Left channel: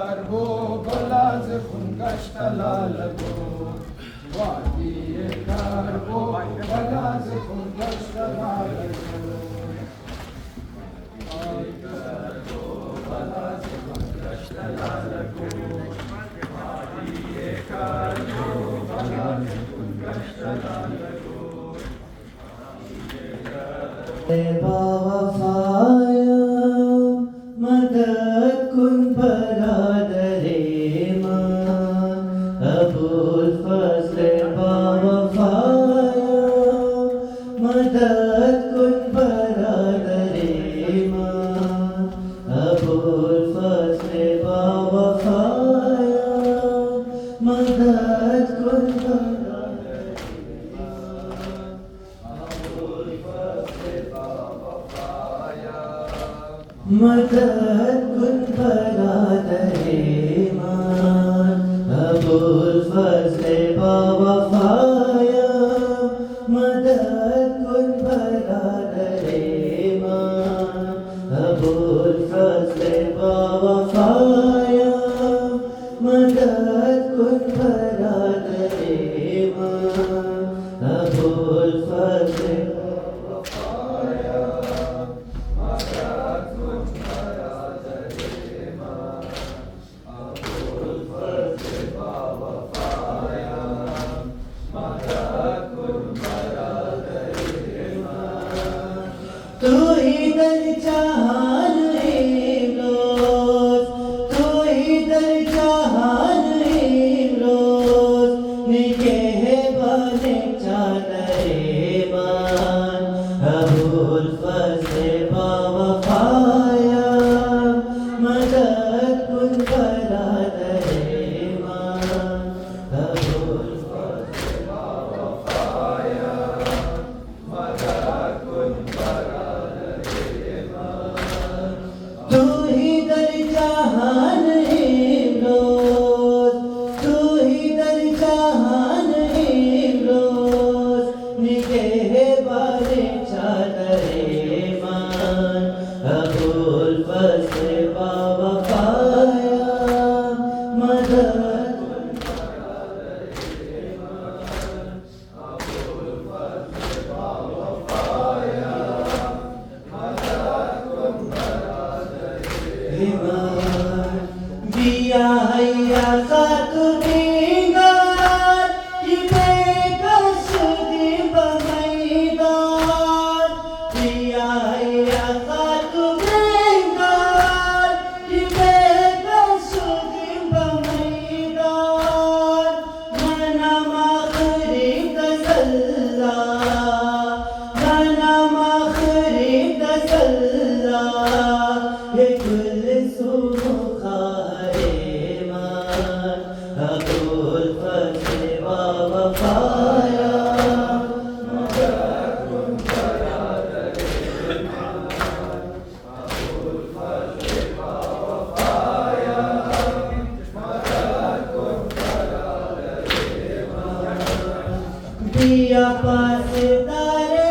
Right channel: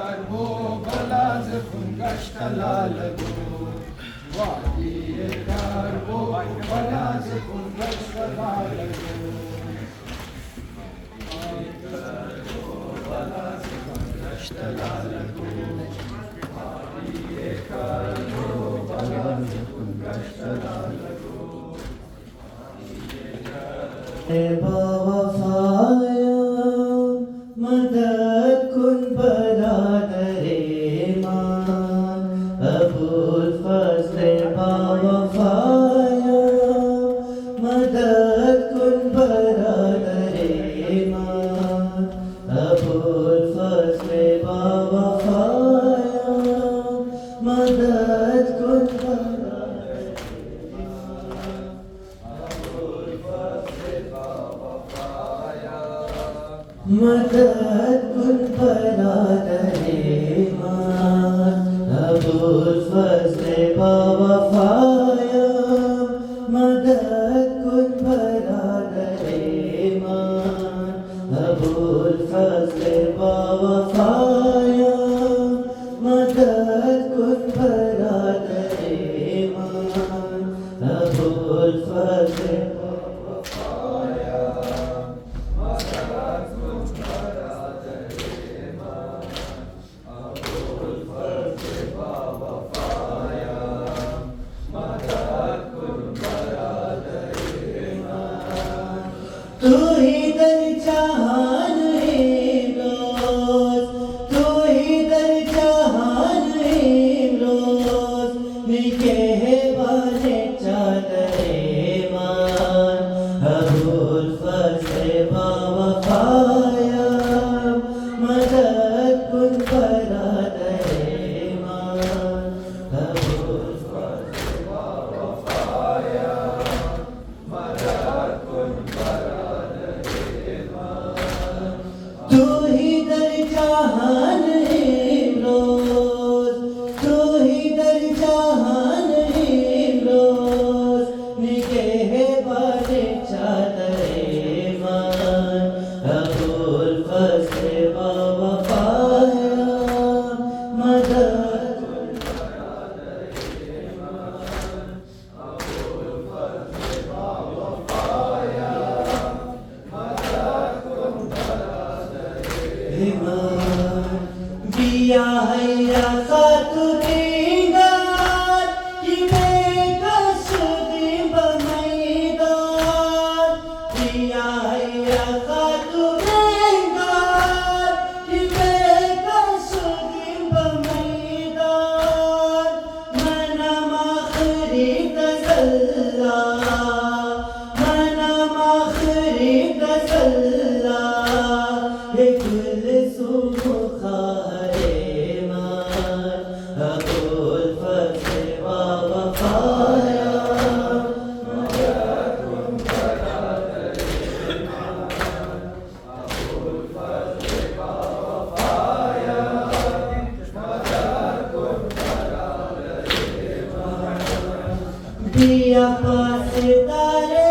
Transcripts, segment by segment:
वो बलाज कुंगष्टलालगो वादिये कार वो बलाज कुंगष्टलालगो वो बलाज कुंगष्टलालगो वादिये कार वो बलाज कुंगष्टलालगो बावफाया मदद कुन बरादरे मान अबुल फज़ल बावफाया मदद कुन बरादरे मान अबुल फज़ल बावफाया मदद कुन मदद कुन बरादरे मान अबुल फज़ल बावफाया मदद कुन बरादरे मान अबुल फज़ल बावफाया मदद कुन बरादरे मान अबुल फज़ल तू ही दर जहान है रोज तू ही दर जहान है रोज निगहबाने चादरे मान अबुल फज़ल बावफाया मदद कुन बरादरे मान अबुल फज़ल बावफाया मदद कुन तू ही दर जहान है रोज तू ही दर जहान है रोज निगहबाने चादरे मान अबुल फज़ल बावफाया मदद कुन बरादरे मान अबुल फज़ल बावफाया मदद कुन दिया हैया साथ देगा कि बेकस दिन बमैदान दिया हैया साथ देगा कि बेकस दिन बमैदान मना मखरी तसल्ला मना मखरी तसल्ला अबुल फज़ल बावफाया मदद कुन बरादरे मान अबुल फज़ल बावफाया मदद कुन बरादरे मान दिया पास तारे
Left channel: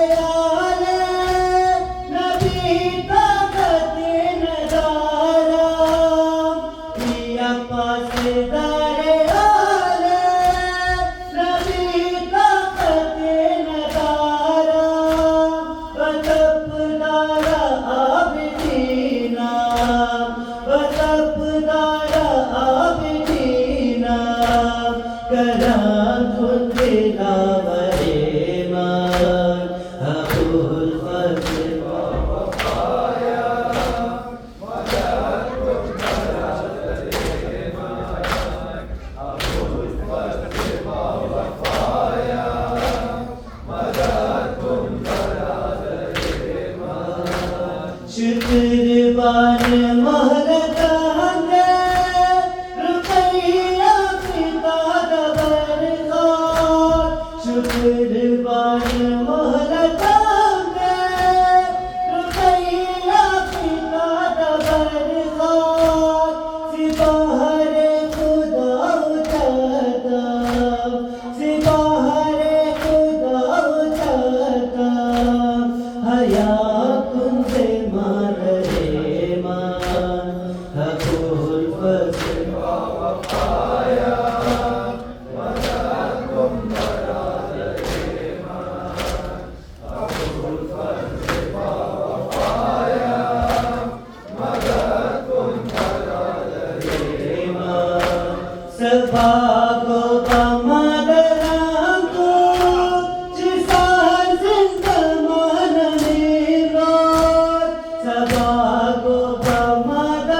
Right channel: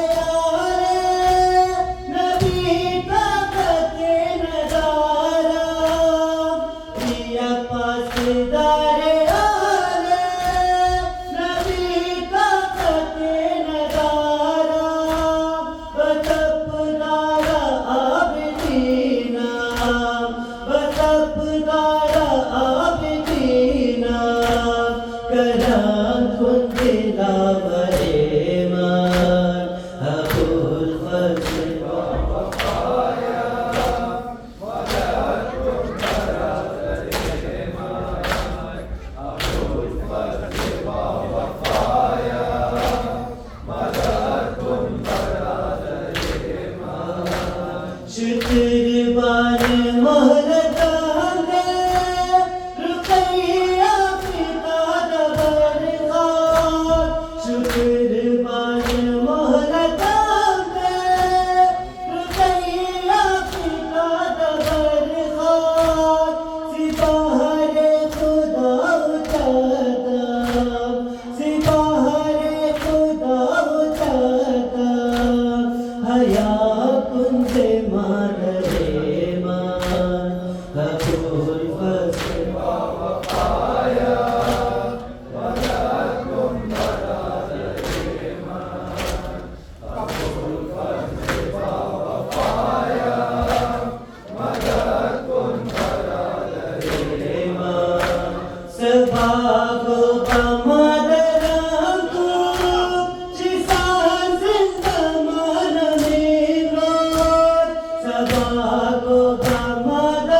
शुक्रबान मोहरतांगे Sabago Tamadarango Chisan Sintamana Mirot Sabago Tamadarango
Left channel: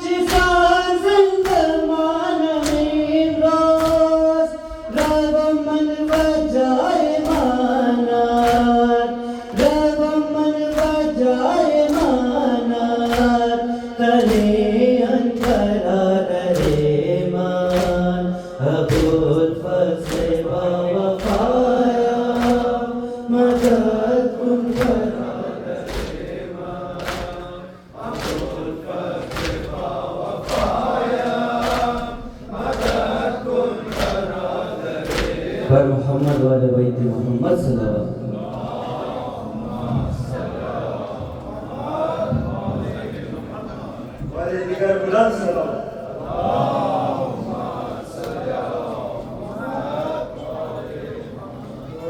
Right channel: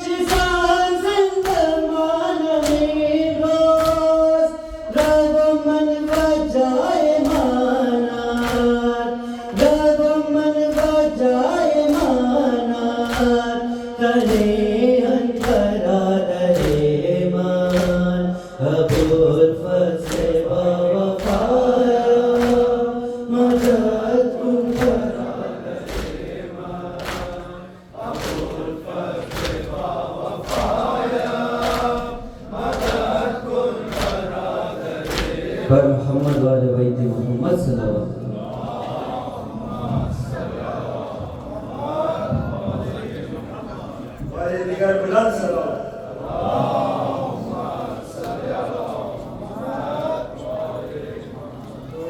Chisan Sintamana Mirot Ragaman Vajay Manat Ragaman Vajay Manat Kale पर मोहम्मद वाले बैत मोहम्मद सल्लल्लाहु वाले बिगड़ बुलंद सल्लल्लाहु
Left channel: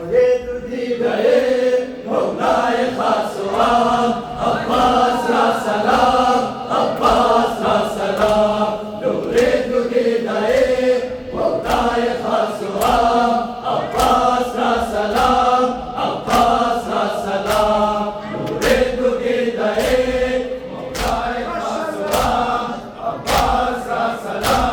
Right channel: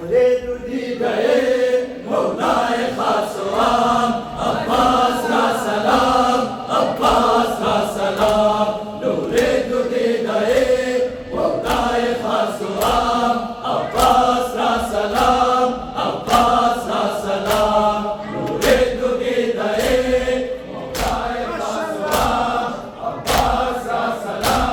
मुझे तुझी गए मौलाए खासवान अब्बास का सलाम अब्बास का सलाम नूरे तुझी गए मौलाए खासवान अब्बास का सलाम अब्बास का सलाम नूरे तुझी गए मौलाए खासवान अब्बास का सलाम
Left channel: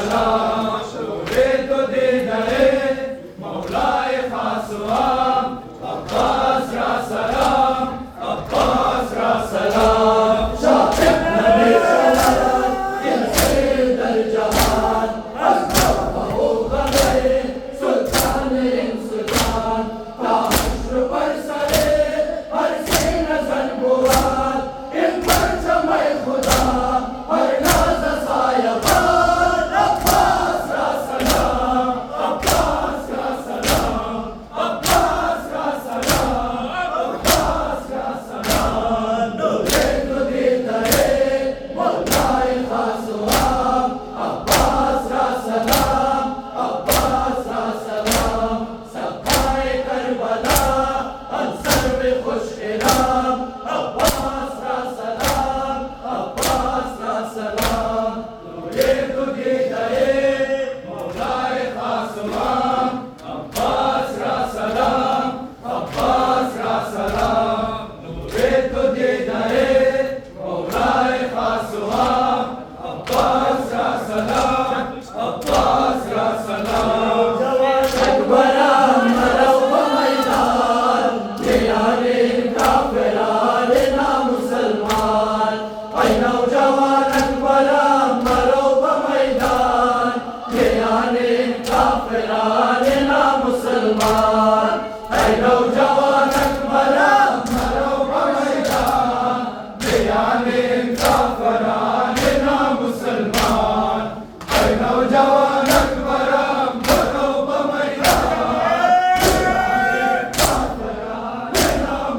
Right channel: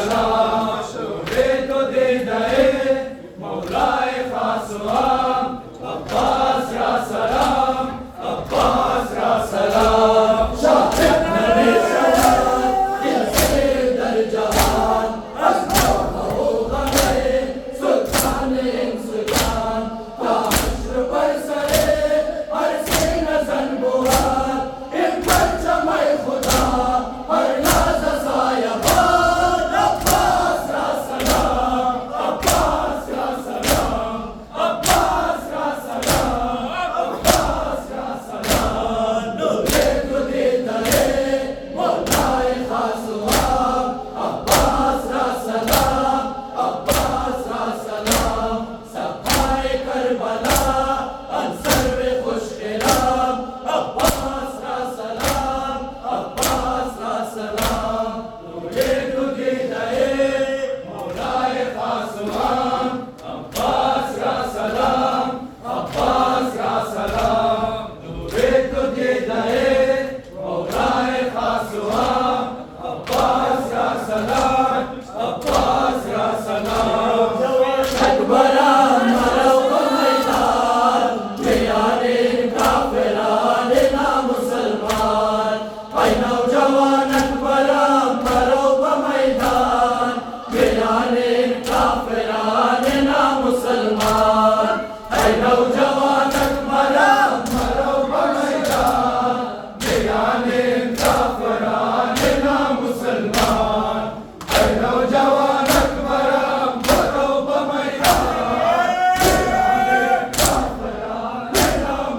सलाम नूरे तो दीदाए मौलाए खास आम अब्बास या सलाम अब्बास या सलाम शाहिद नबी सलाम ये दर जहान अज़्ज़म हो गए सुल्तान इंसान ताश्र पर सरे हर से नजर बुआर इन पर जमाए खुदा हर नाज सायाबान अब्बास या सलाम अब्बास या सलाम अब्बास या सलाम अब्बास या सलाम नूरे तो दीदाए मौलाए खास आम अब्बास या सलाम अब्बास या सलाम सफाए करबला अंसर में खुश इराम अब्बास या सलाम अब्बास या सलाम नूरे तो दीदाए मौलाए खास आम अब्बास या सलाम अब्बास या सलाम नूरे तो दीदाए मौलाए खास आम अब्बास या सलाम अब्बास या सलाम अकबरा मरो मैदान यारे काफिरान ना मुसलमान ऐ नौजवान अकबरा मरो मैदान यारे काफिरान ना मुसलमान ऐ नौजवान अकबरा मरो मैदान यारे काफिरान ना मुसलमान ऐ नौजवान अकबरा मरो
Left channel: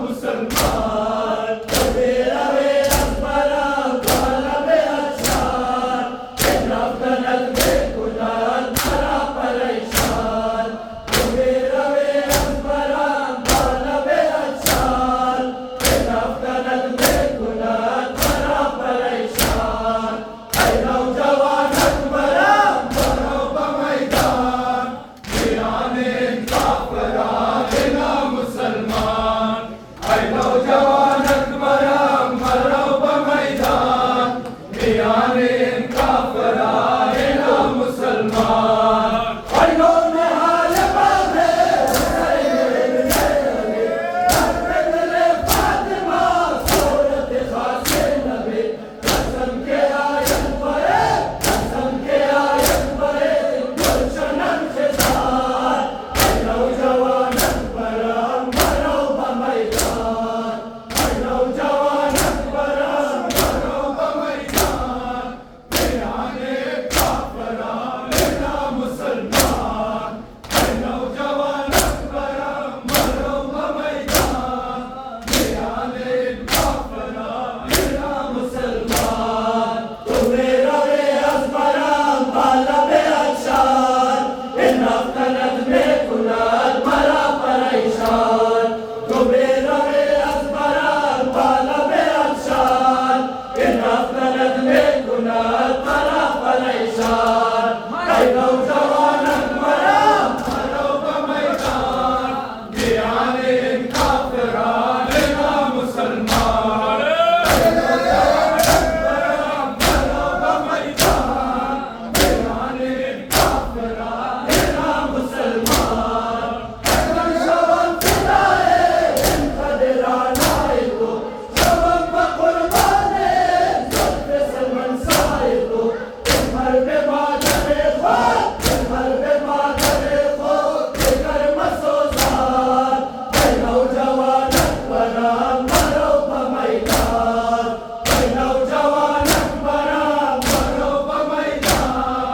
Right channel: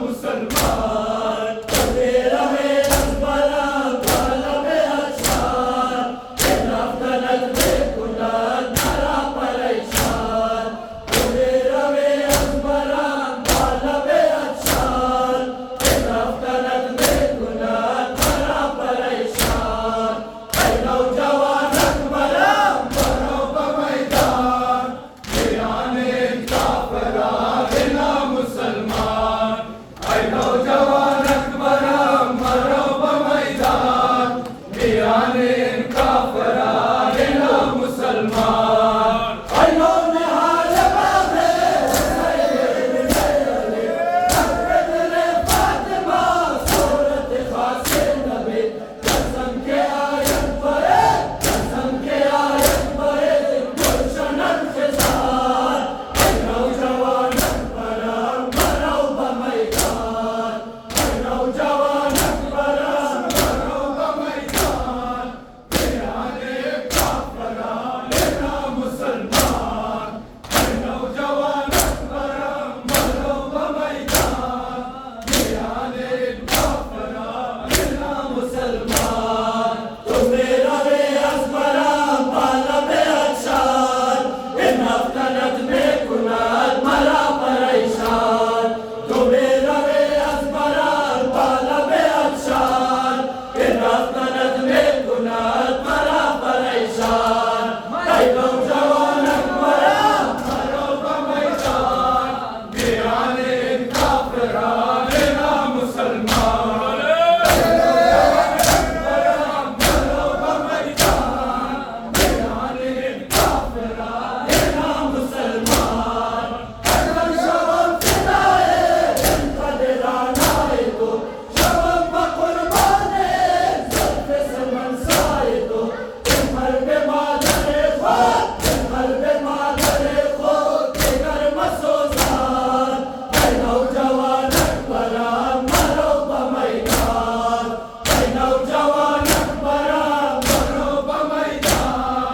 मुसलमान मेरा वे अकबरा बालबे अचार नफरत में कुरान मरा परेशान मेरा वे अकबरा बालबे अचार नफरत में कुरान मरा परेशान ऐ नौजवान अकबरा मरो मैदान याने काफिरान ना मुसलमान ऐ नौजवान अकबरा मरो मैदान याने काफिरान ना मुसलमान ऐ नौनिहाल बाज़े फातिमा सूरत खासे नबी कसम के आयत परे गुलशनन खिसार ऐ नौजवान अकबरा मरो मैदान ऐ नौजवान अकबरा मरो मैदान याने काफिरान ना मुसलमान ऐ नौजवान अकबरा मरो मैदान याने काफिरान ना मुसलमान मेरा वे अकबरा बालबे अचार इन अफकरत में कुरान मरा परेशान मेरा वे अकबरा बालबे अचार इन अफकरत में कुरान मरा परेशान ऐ नौजवान अकबरा मरो मैदान याने काफिरान ना मुसलमान नौजवान अकबरा मरो मैदान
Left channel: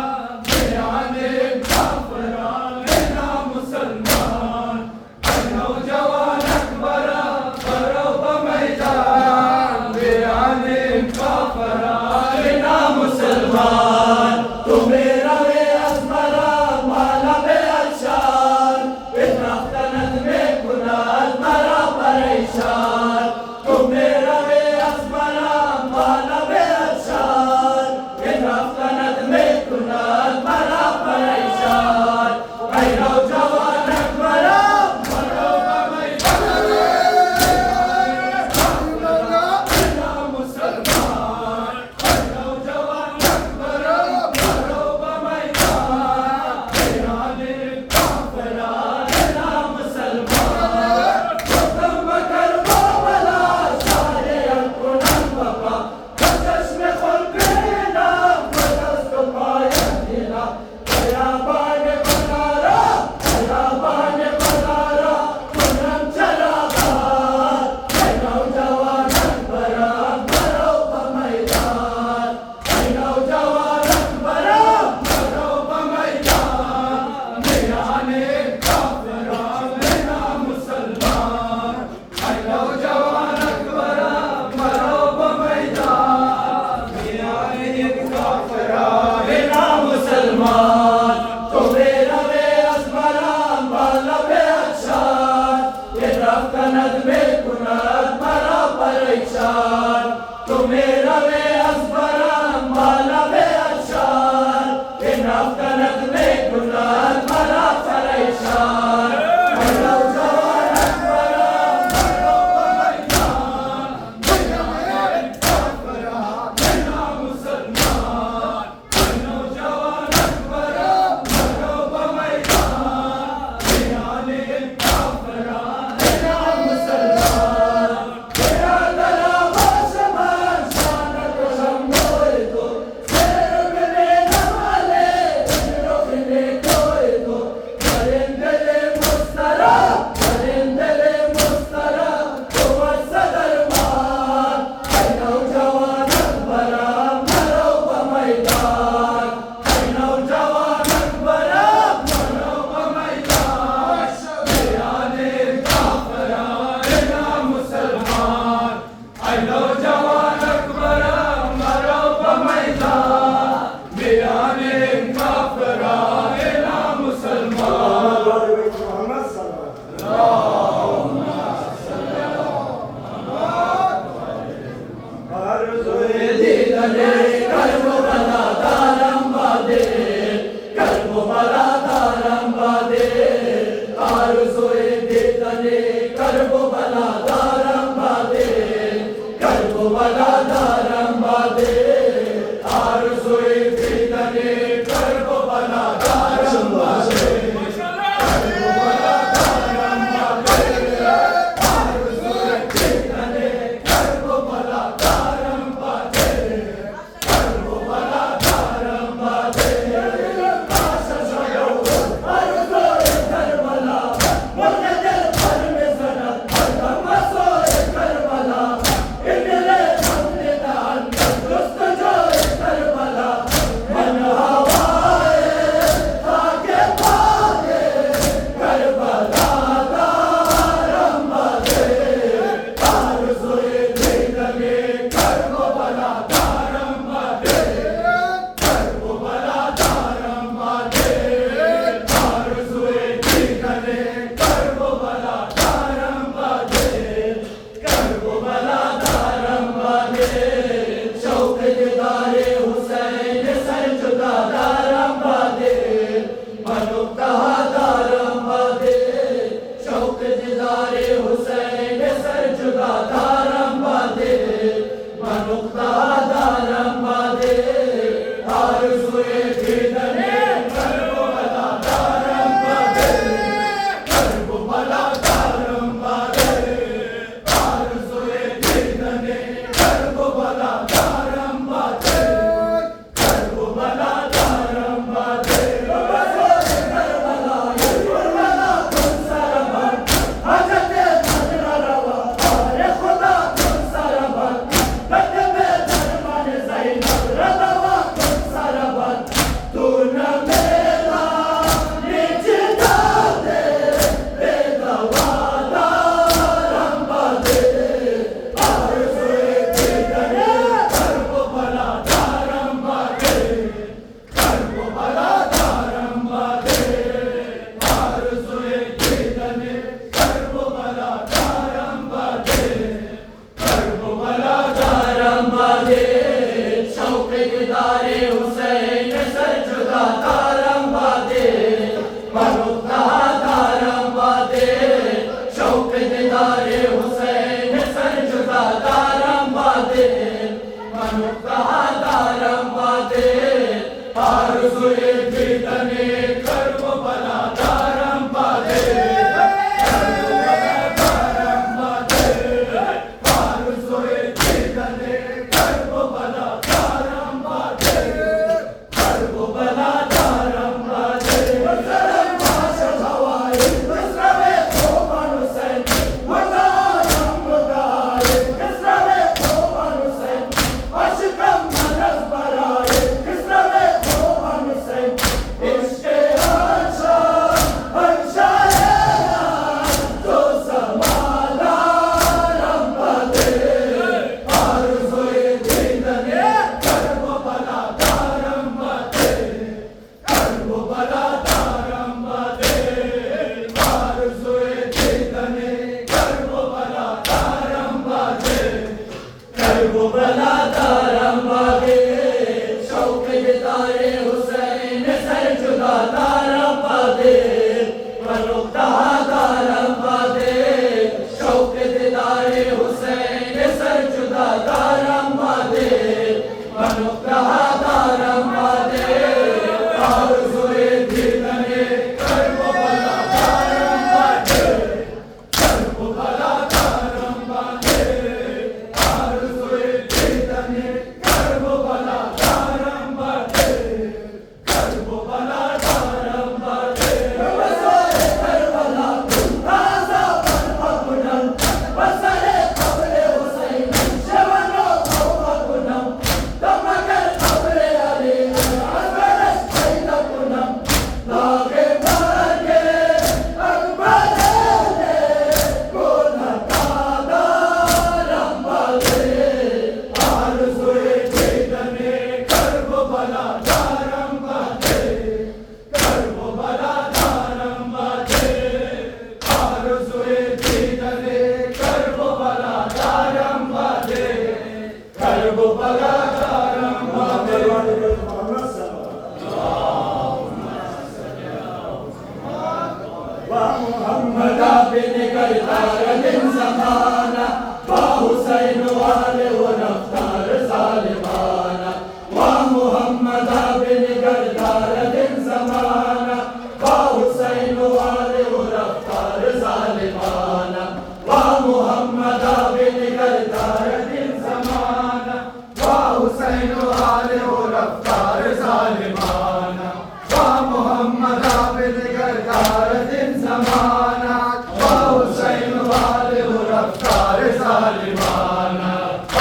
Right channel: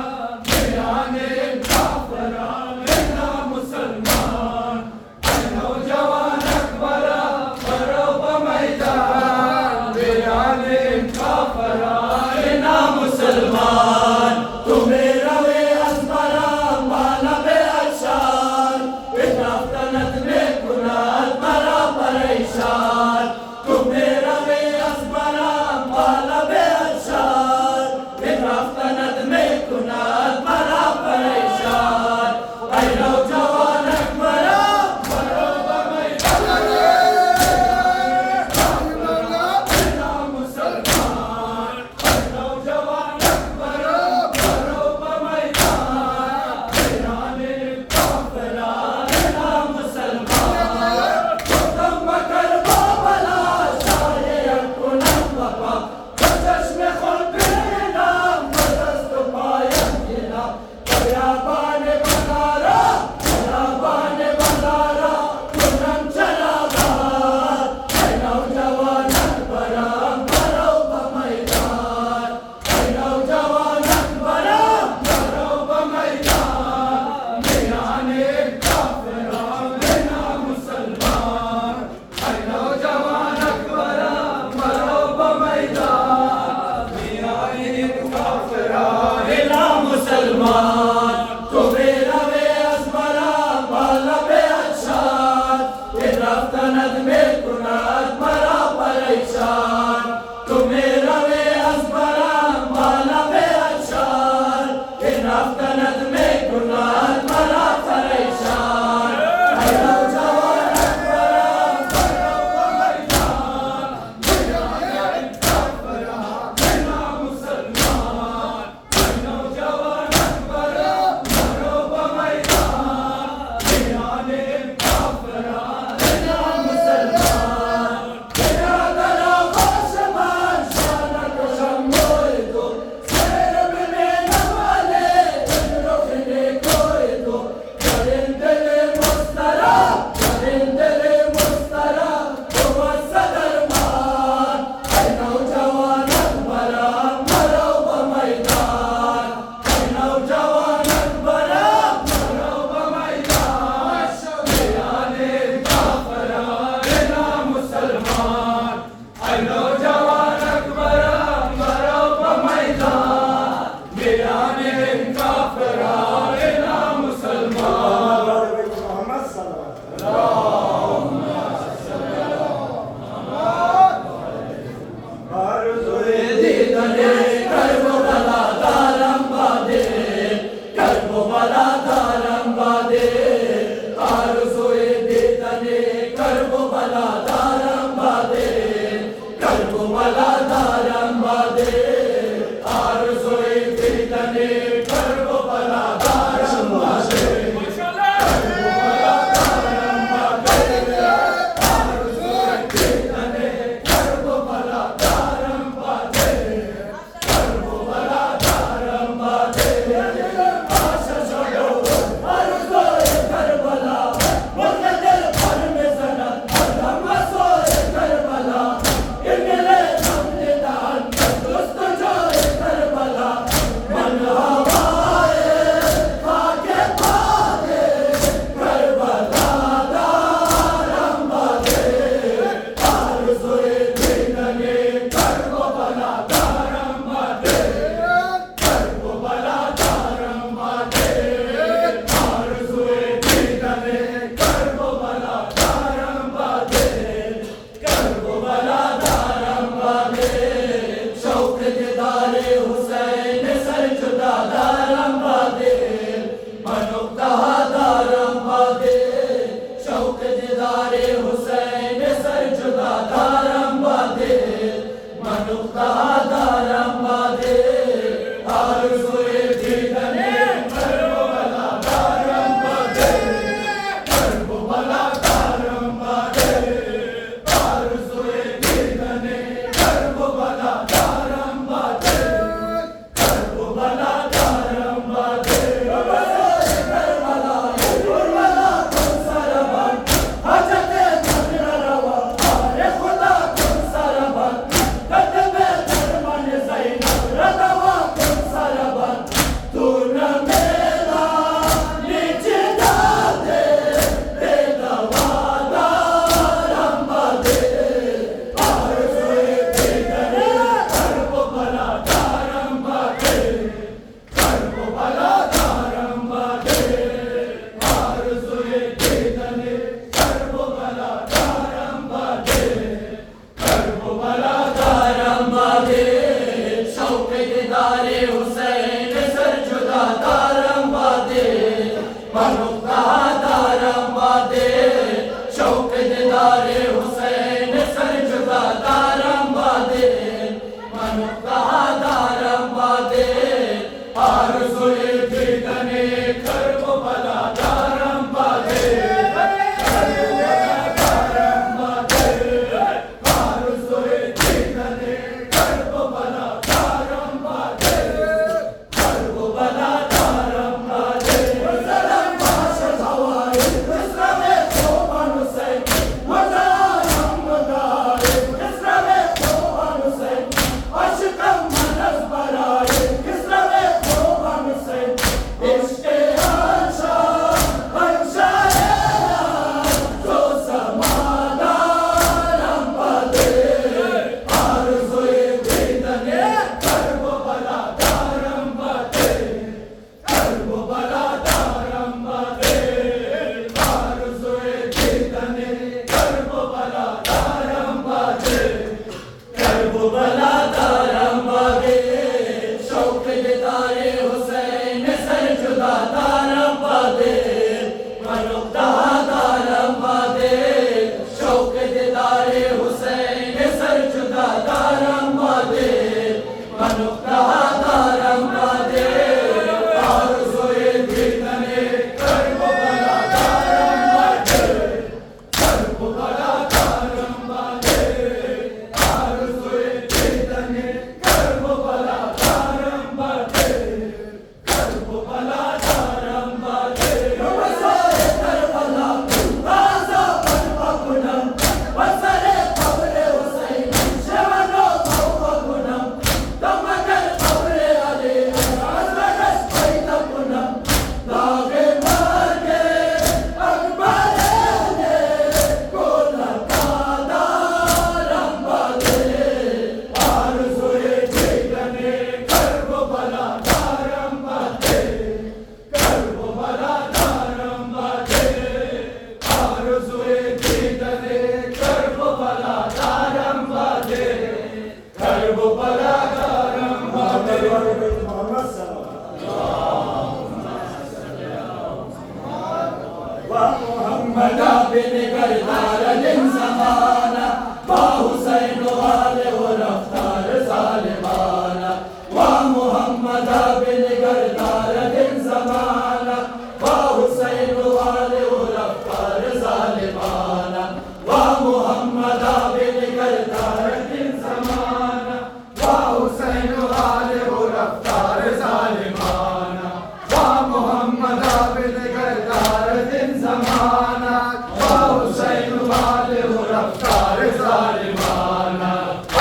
محمد بنقدار दिन ज़माना वाह हुसैन वाले वो रफ्तार ज़ालिमाना वाह मोहम्मद बनिगरदार दिन ज़माना वाह हुसैन वाले वो रफ्तार ज़ालिमाना वाह मोहम्मद बनिगरदार दिन ज़माना वाह हुसैन वाले वो रफ्तार ज़ालिमाना वाह मोहम्मद बनिगरदार दिन ज़माना वाह हुसैन वाले वो रफ्तार ज़ालिमाना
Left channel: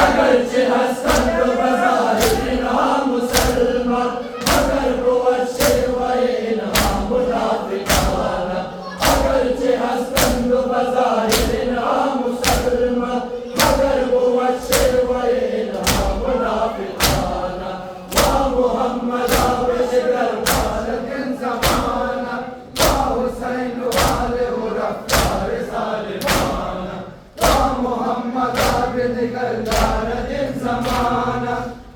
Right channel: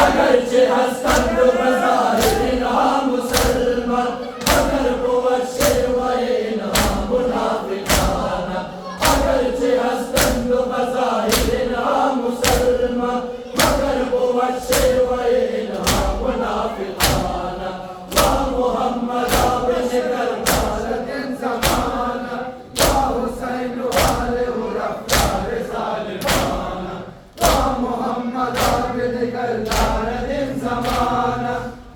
अगरचे हसन बज़ाहिर इन्हा मुसलमान मगर कुव्वत शेवाए इन्हा मुनाफिकाना अगरचे हसन बज़ाहिर इन्हा मुसलमान मगर कुव्वत शेवाए इन्हा मुनाफिकाना वाह मोहम्मद बनिगरदार दिन ज़माना वाह हुसैन वाले वो रफ्तार ज़ालिमाना वाह मोहम्मद बनिगरदार दिन ज़माना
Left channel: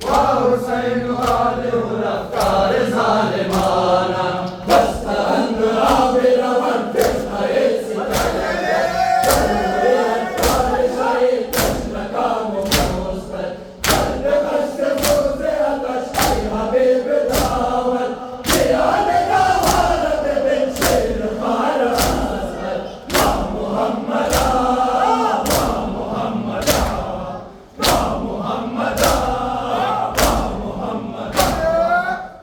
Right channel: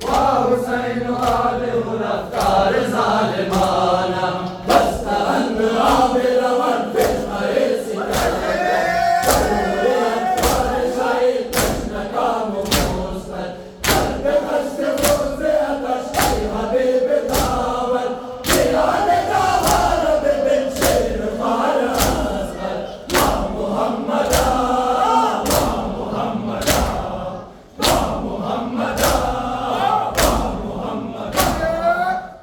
वाह हुसैन वाले वो रफ्तार ज़ालिमाना दस्तंद आबिरवन पेशवाए सितारे अत्वार शाही कृष्ण का मुस्तर दर्द कष्ट रोज़े अकश हबीब दावत जियाने का वारद बिन शेर खार असगर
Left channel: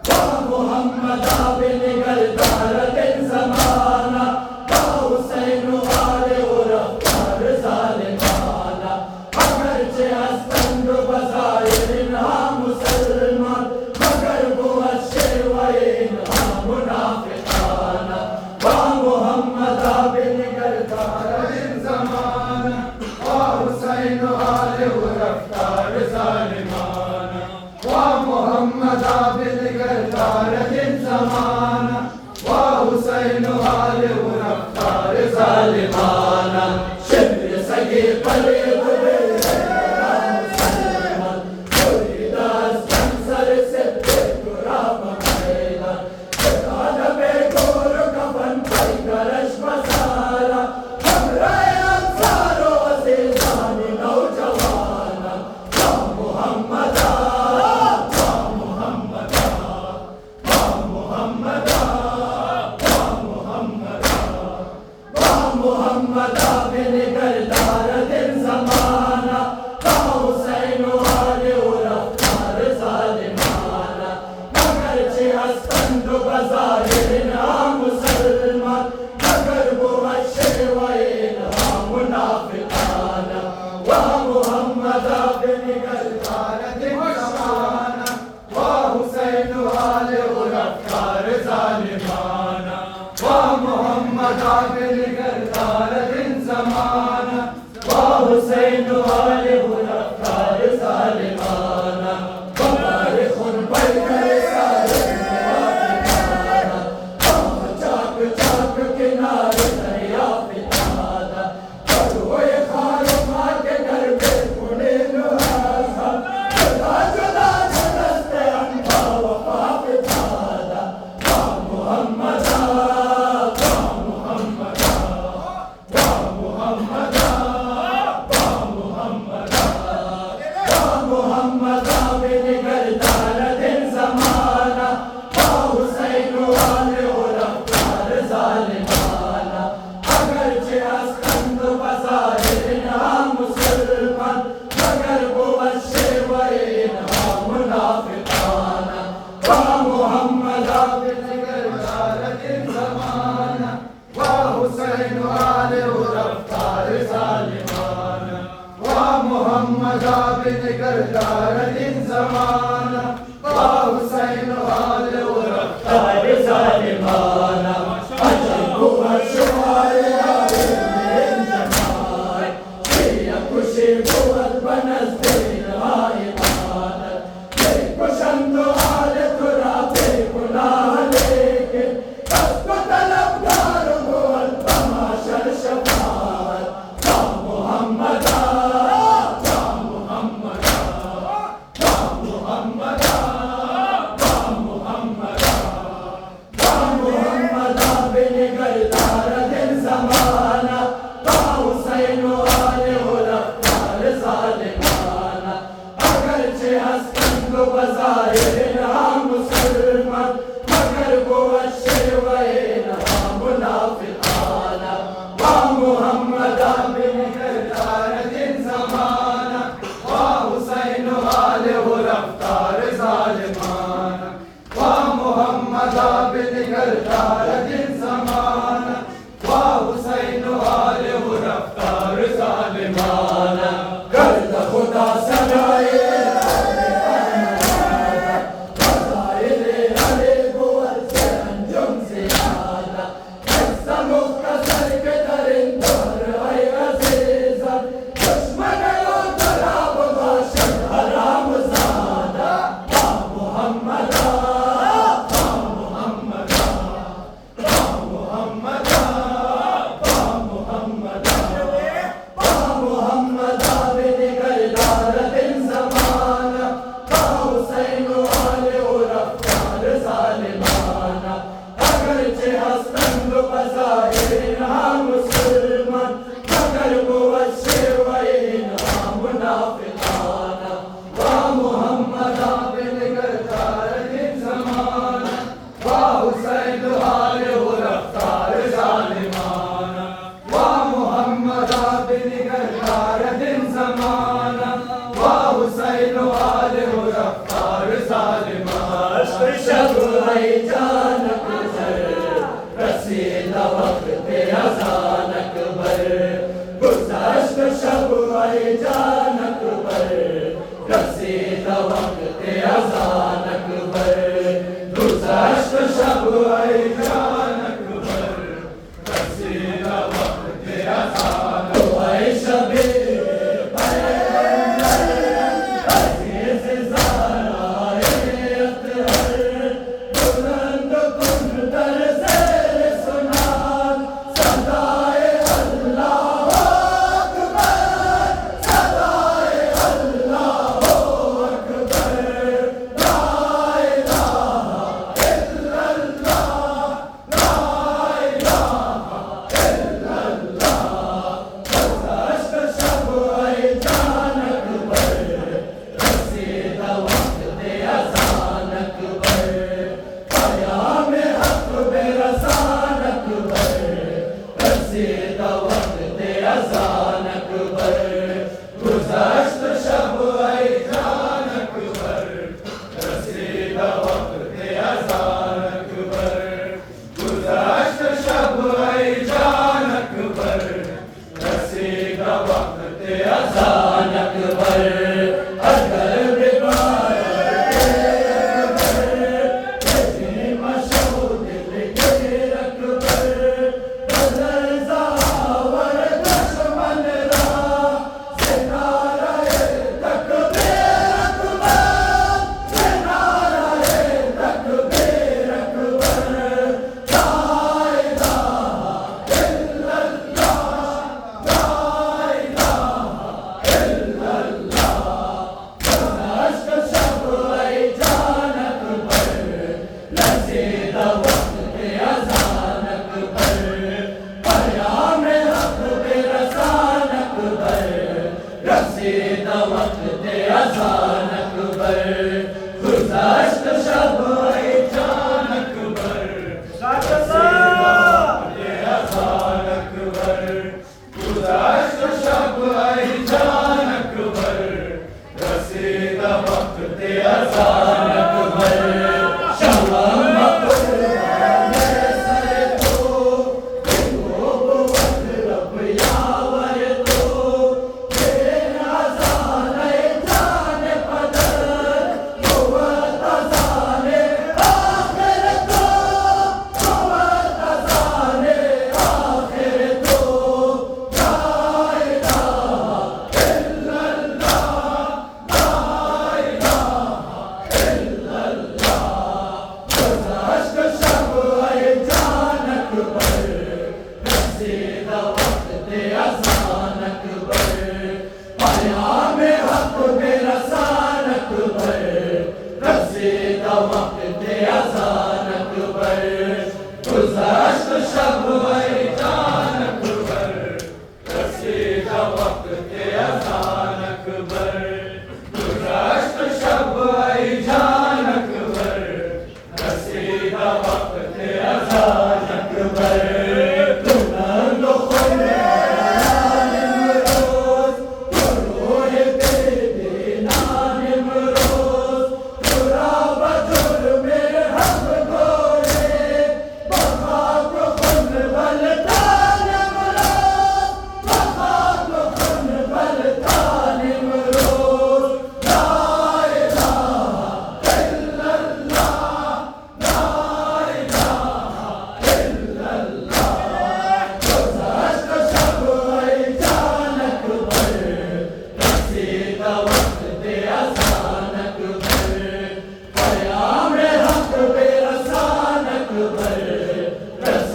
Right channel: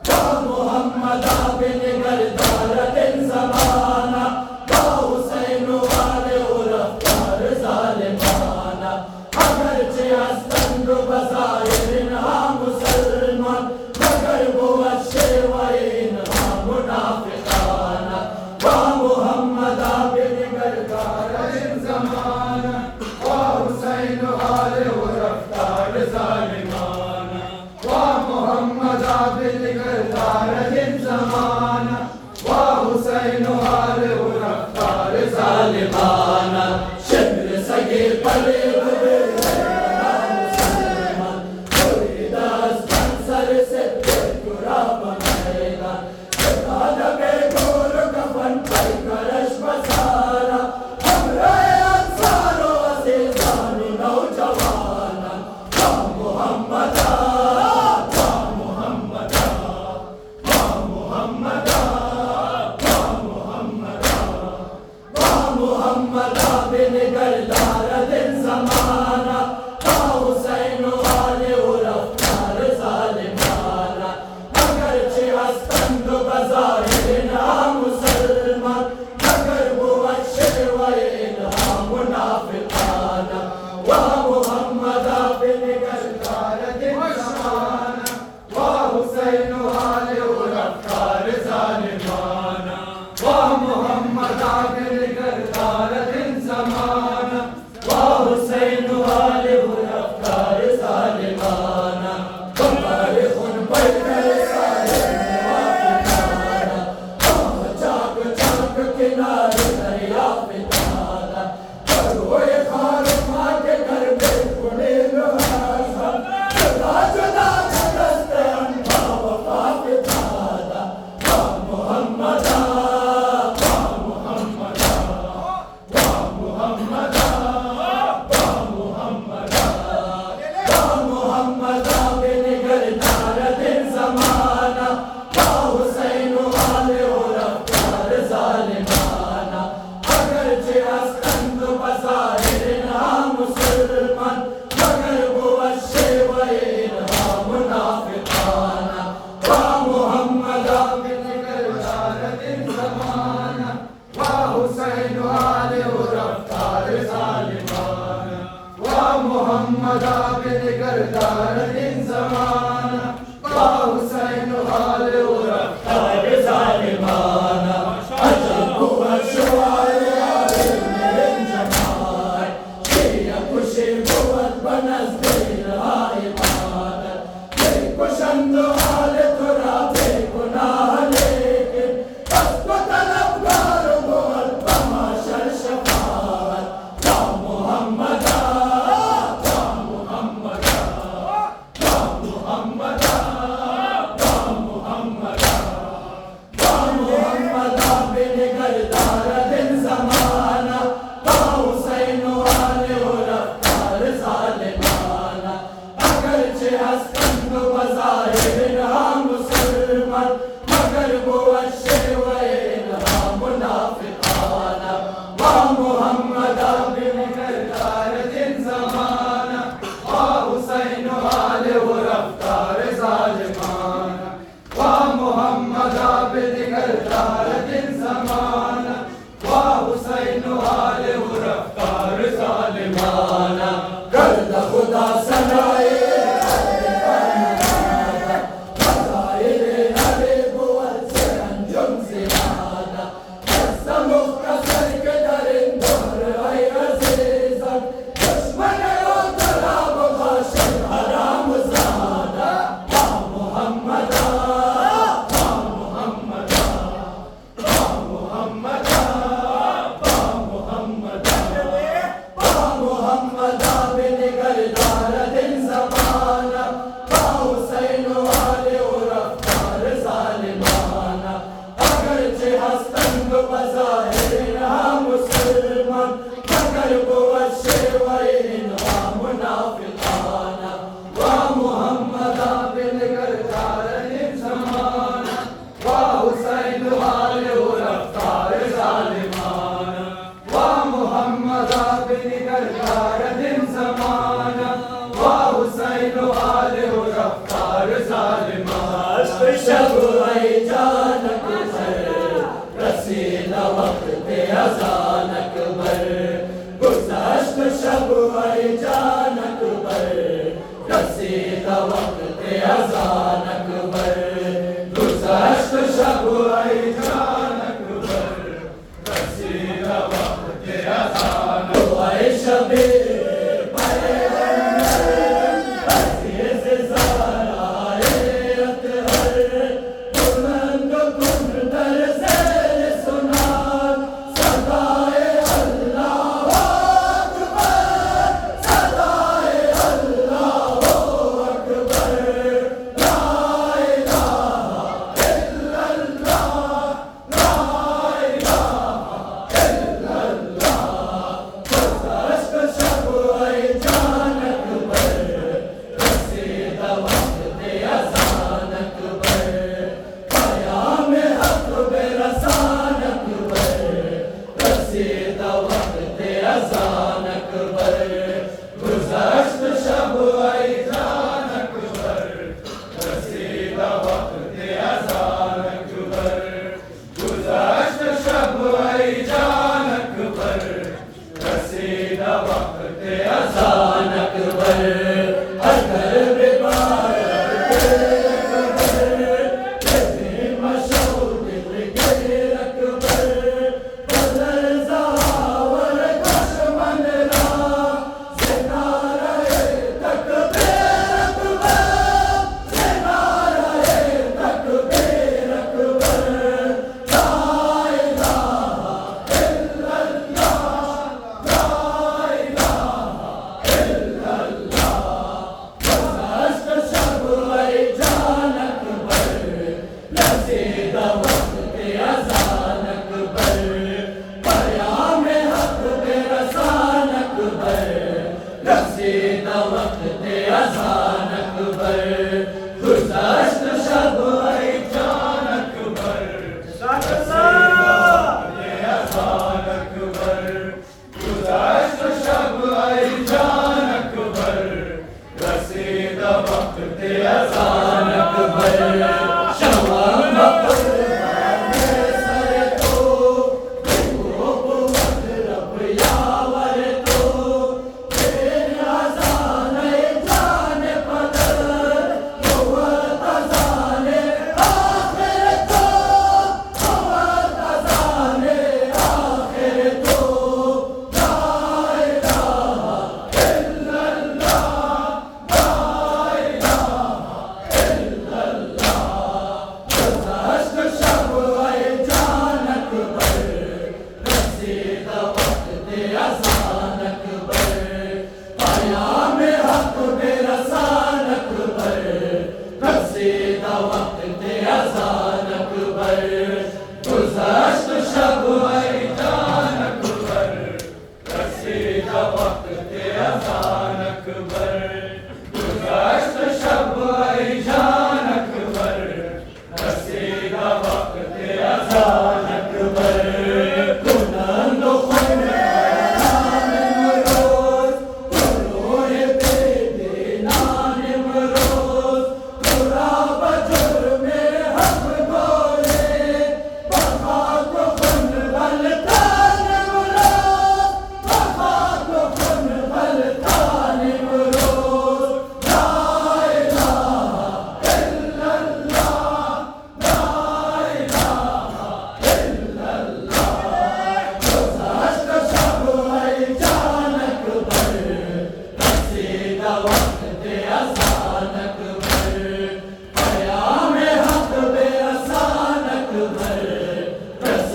वाह मोहम्मद बनिगरदार दिन ज़माना वाह हुसैन वाले वो रफ्तार ज़ालिमाना अगरचे हस्तंद बज़ाहिर इन्हा मुसलमान मगर कुव्वत शेवाए इन्हा मुनाफिकाना वाह मोहम्मद बनिगरदार दिन ज़माना वाह हुसैन वाले वो रफ्तार ज़ालिमाना वाह मोहम्मद बनिगरदार दिन ज़माना वाह हुसैन वाले वो रफ्तार ज़ालिमाना शिब्र सगे पले हुए मुसलमान दास सर से बेकुरा बनेगा कदम गोर कफन पर करश बसारा हमरा अंसारो अज़ीज़ान नौजवाना वाह मोहम्मद मोहम्मद बनिगरदार दिन ज़माना वाह हुसैन वाले वो रफ्तार ज़ालिमाना अगरचे हस्तंद बज़ाहिर इन्हा मुसलमान मगर कुव्वत शेवाए इन्हा मुनाफिकाना वाह मोहम्मद बनिगरदार दिन ज़माना वाह हुसैन वाले वो रफ्तार ज़ालिमाना वाह मोहम्मद बनिगरदार दिन ज़माना वाह हुसैन वाले वो रफ्तार ज़ालिमाना तुम्हारे खून पर कर सारे निवासिकाना चाक चाक किनारे दरिया पिताना रोए खार मार के घर पे खुले रुहासा जुदा जुदा दस्ते अंधा वफा पिताना वाह मोहम्मद निकलदार दिन ज़माना वाह हुसैन वाले हो रफ्तार ज़ालिमाना गर्द खुदा सजाए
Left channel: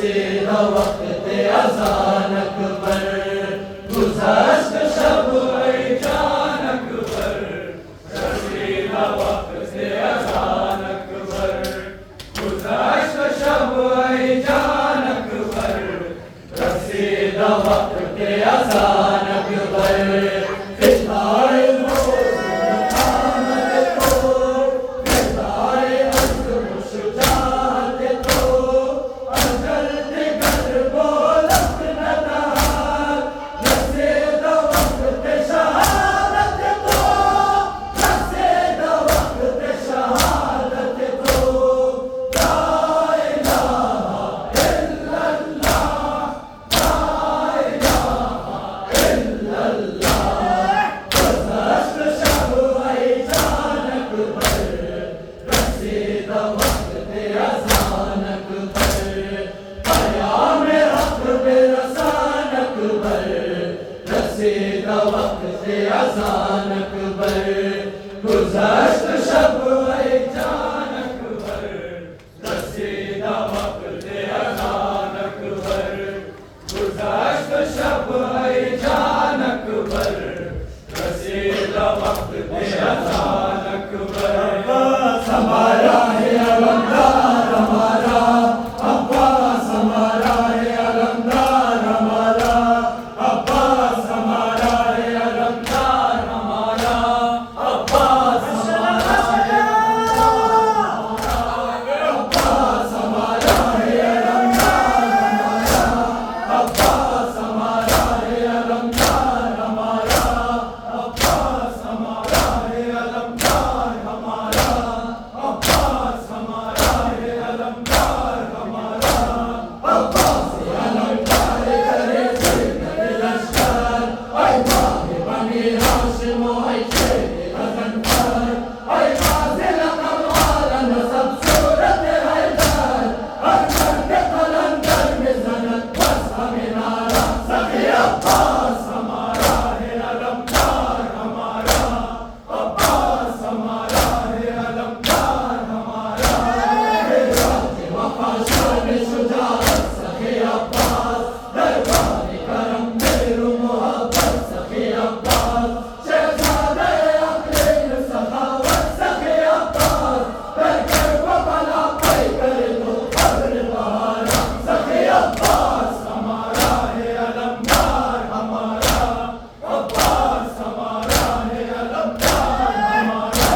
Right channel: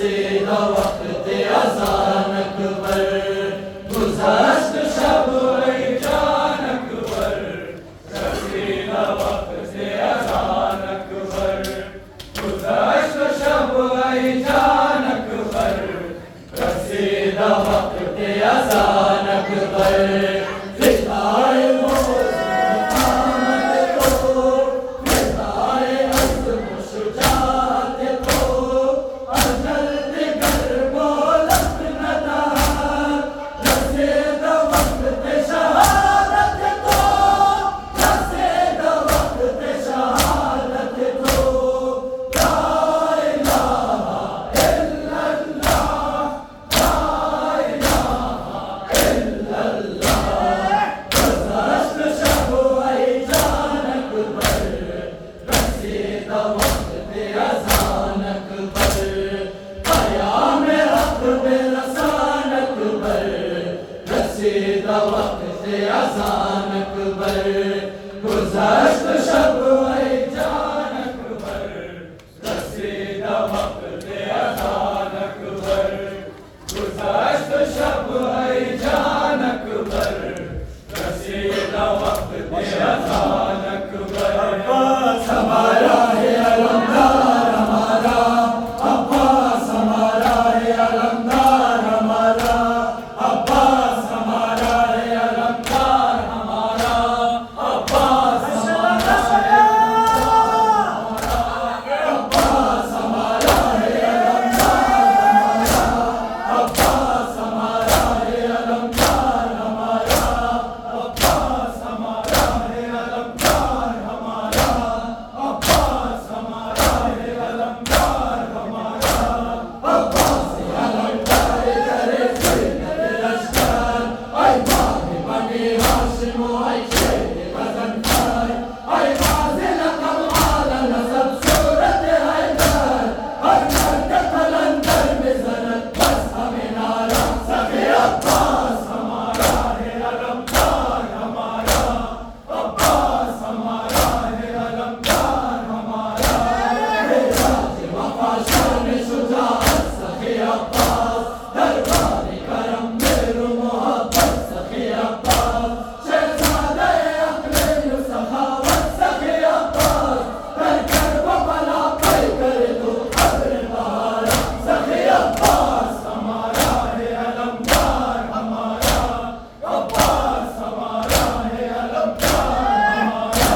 रसीदा वक्त अज़ान अकबर गुज़श्त शब जान अकबर रसीदा वक्त अज़ान अकबर गुज़श्त शब जान अकबर रसीदा वक्त अज़ान अकबर अज़ान अकबर गुज़श्त शब जान अकबर रसीदा वक्त अज़ान अकबर गुज़श्त शब जान अकबर रसीदा वक्त अज़ान अकबर अब्बास हमारा है अलमदार हमारा अब्बास हमारा है अलमदार हमारा अब्बास हमारा है अलमदार हमारा अब्बास हमारा है अब्बास हमारा है अलमदार हमारा अब्बास हमारा है अलमदार हमारा अब्बास हमारा है अलमदार हमारा अब्बास हमारा है अलमदार हमारा अब्बास अलमदार करे सैयद लश्कर ऐ बाबे बनी हाशिम ऐ शेर गजनफर ऐ गाज़ी कमाल नसब सूरत हैदर हर मर्द कलंदर में ज़नत बस हमें नारा सखे अब्बास हमारा है अलमदार हमारा अब्बास हमारा है अलमदार हमारा गाज़ी वफा शान शुजाअत सखे अब्बास दरबार करम मेरू मोहब्बत सखे अब्बास शहज़ादे अक़ल सखावत सखे अब्बास कर वो भला कोई करे तो खबर बहारा सखे अब्बास हमारा है अलमदार हमारा अब्बास हमारा है अलमदार हमारा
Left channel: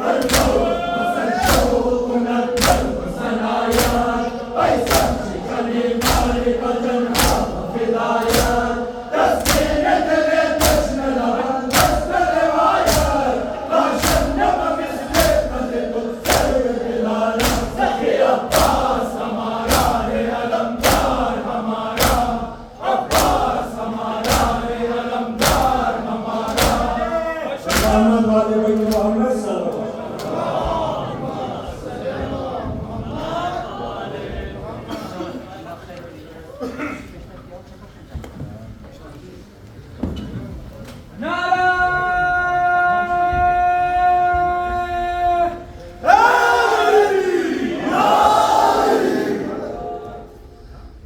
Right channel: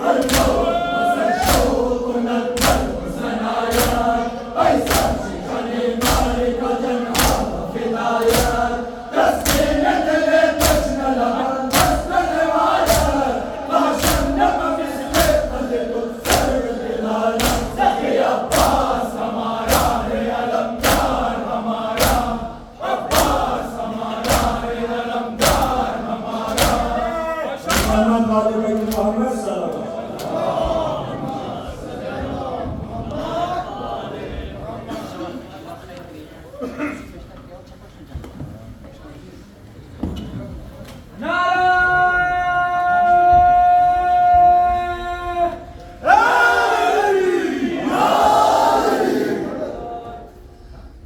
हर लोग मसन शौक़ नज़र सनायत ऐसा चिकनी नारी बदन फिदायत तस्मीर दिले तश्न लहर दस्त रिवायत लाशन नब मिसले कदे तो सर्व दिलाला सखे अब्बास हमारा है अलमदार हमारा अब्बास हमारा है अलमदार हमारा मोहम्मद वाले बैत मोहम्मद सल्लल्लाहु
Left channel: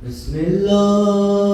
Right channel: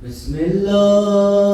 बिस्मिल्लाह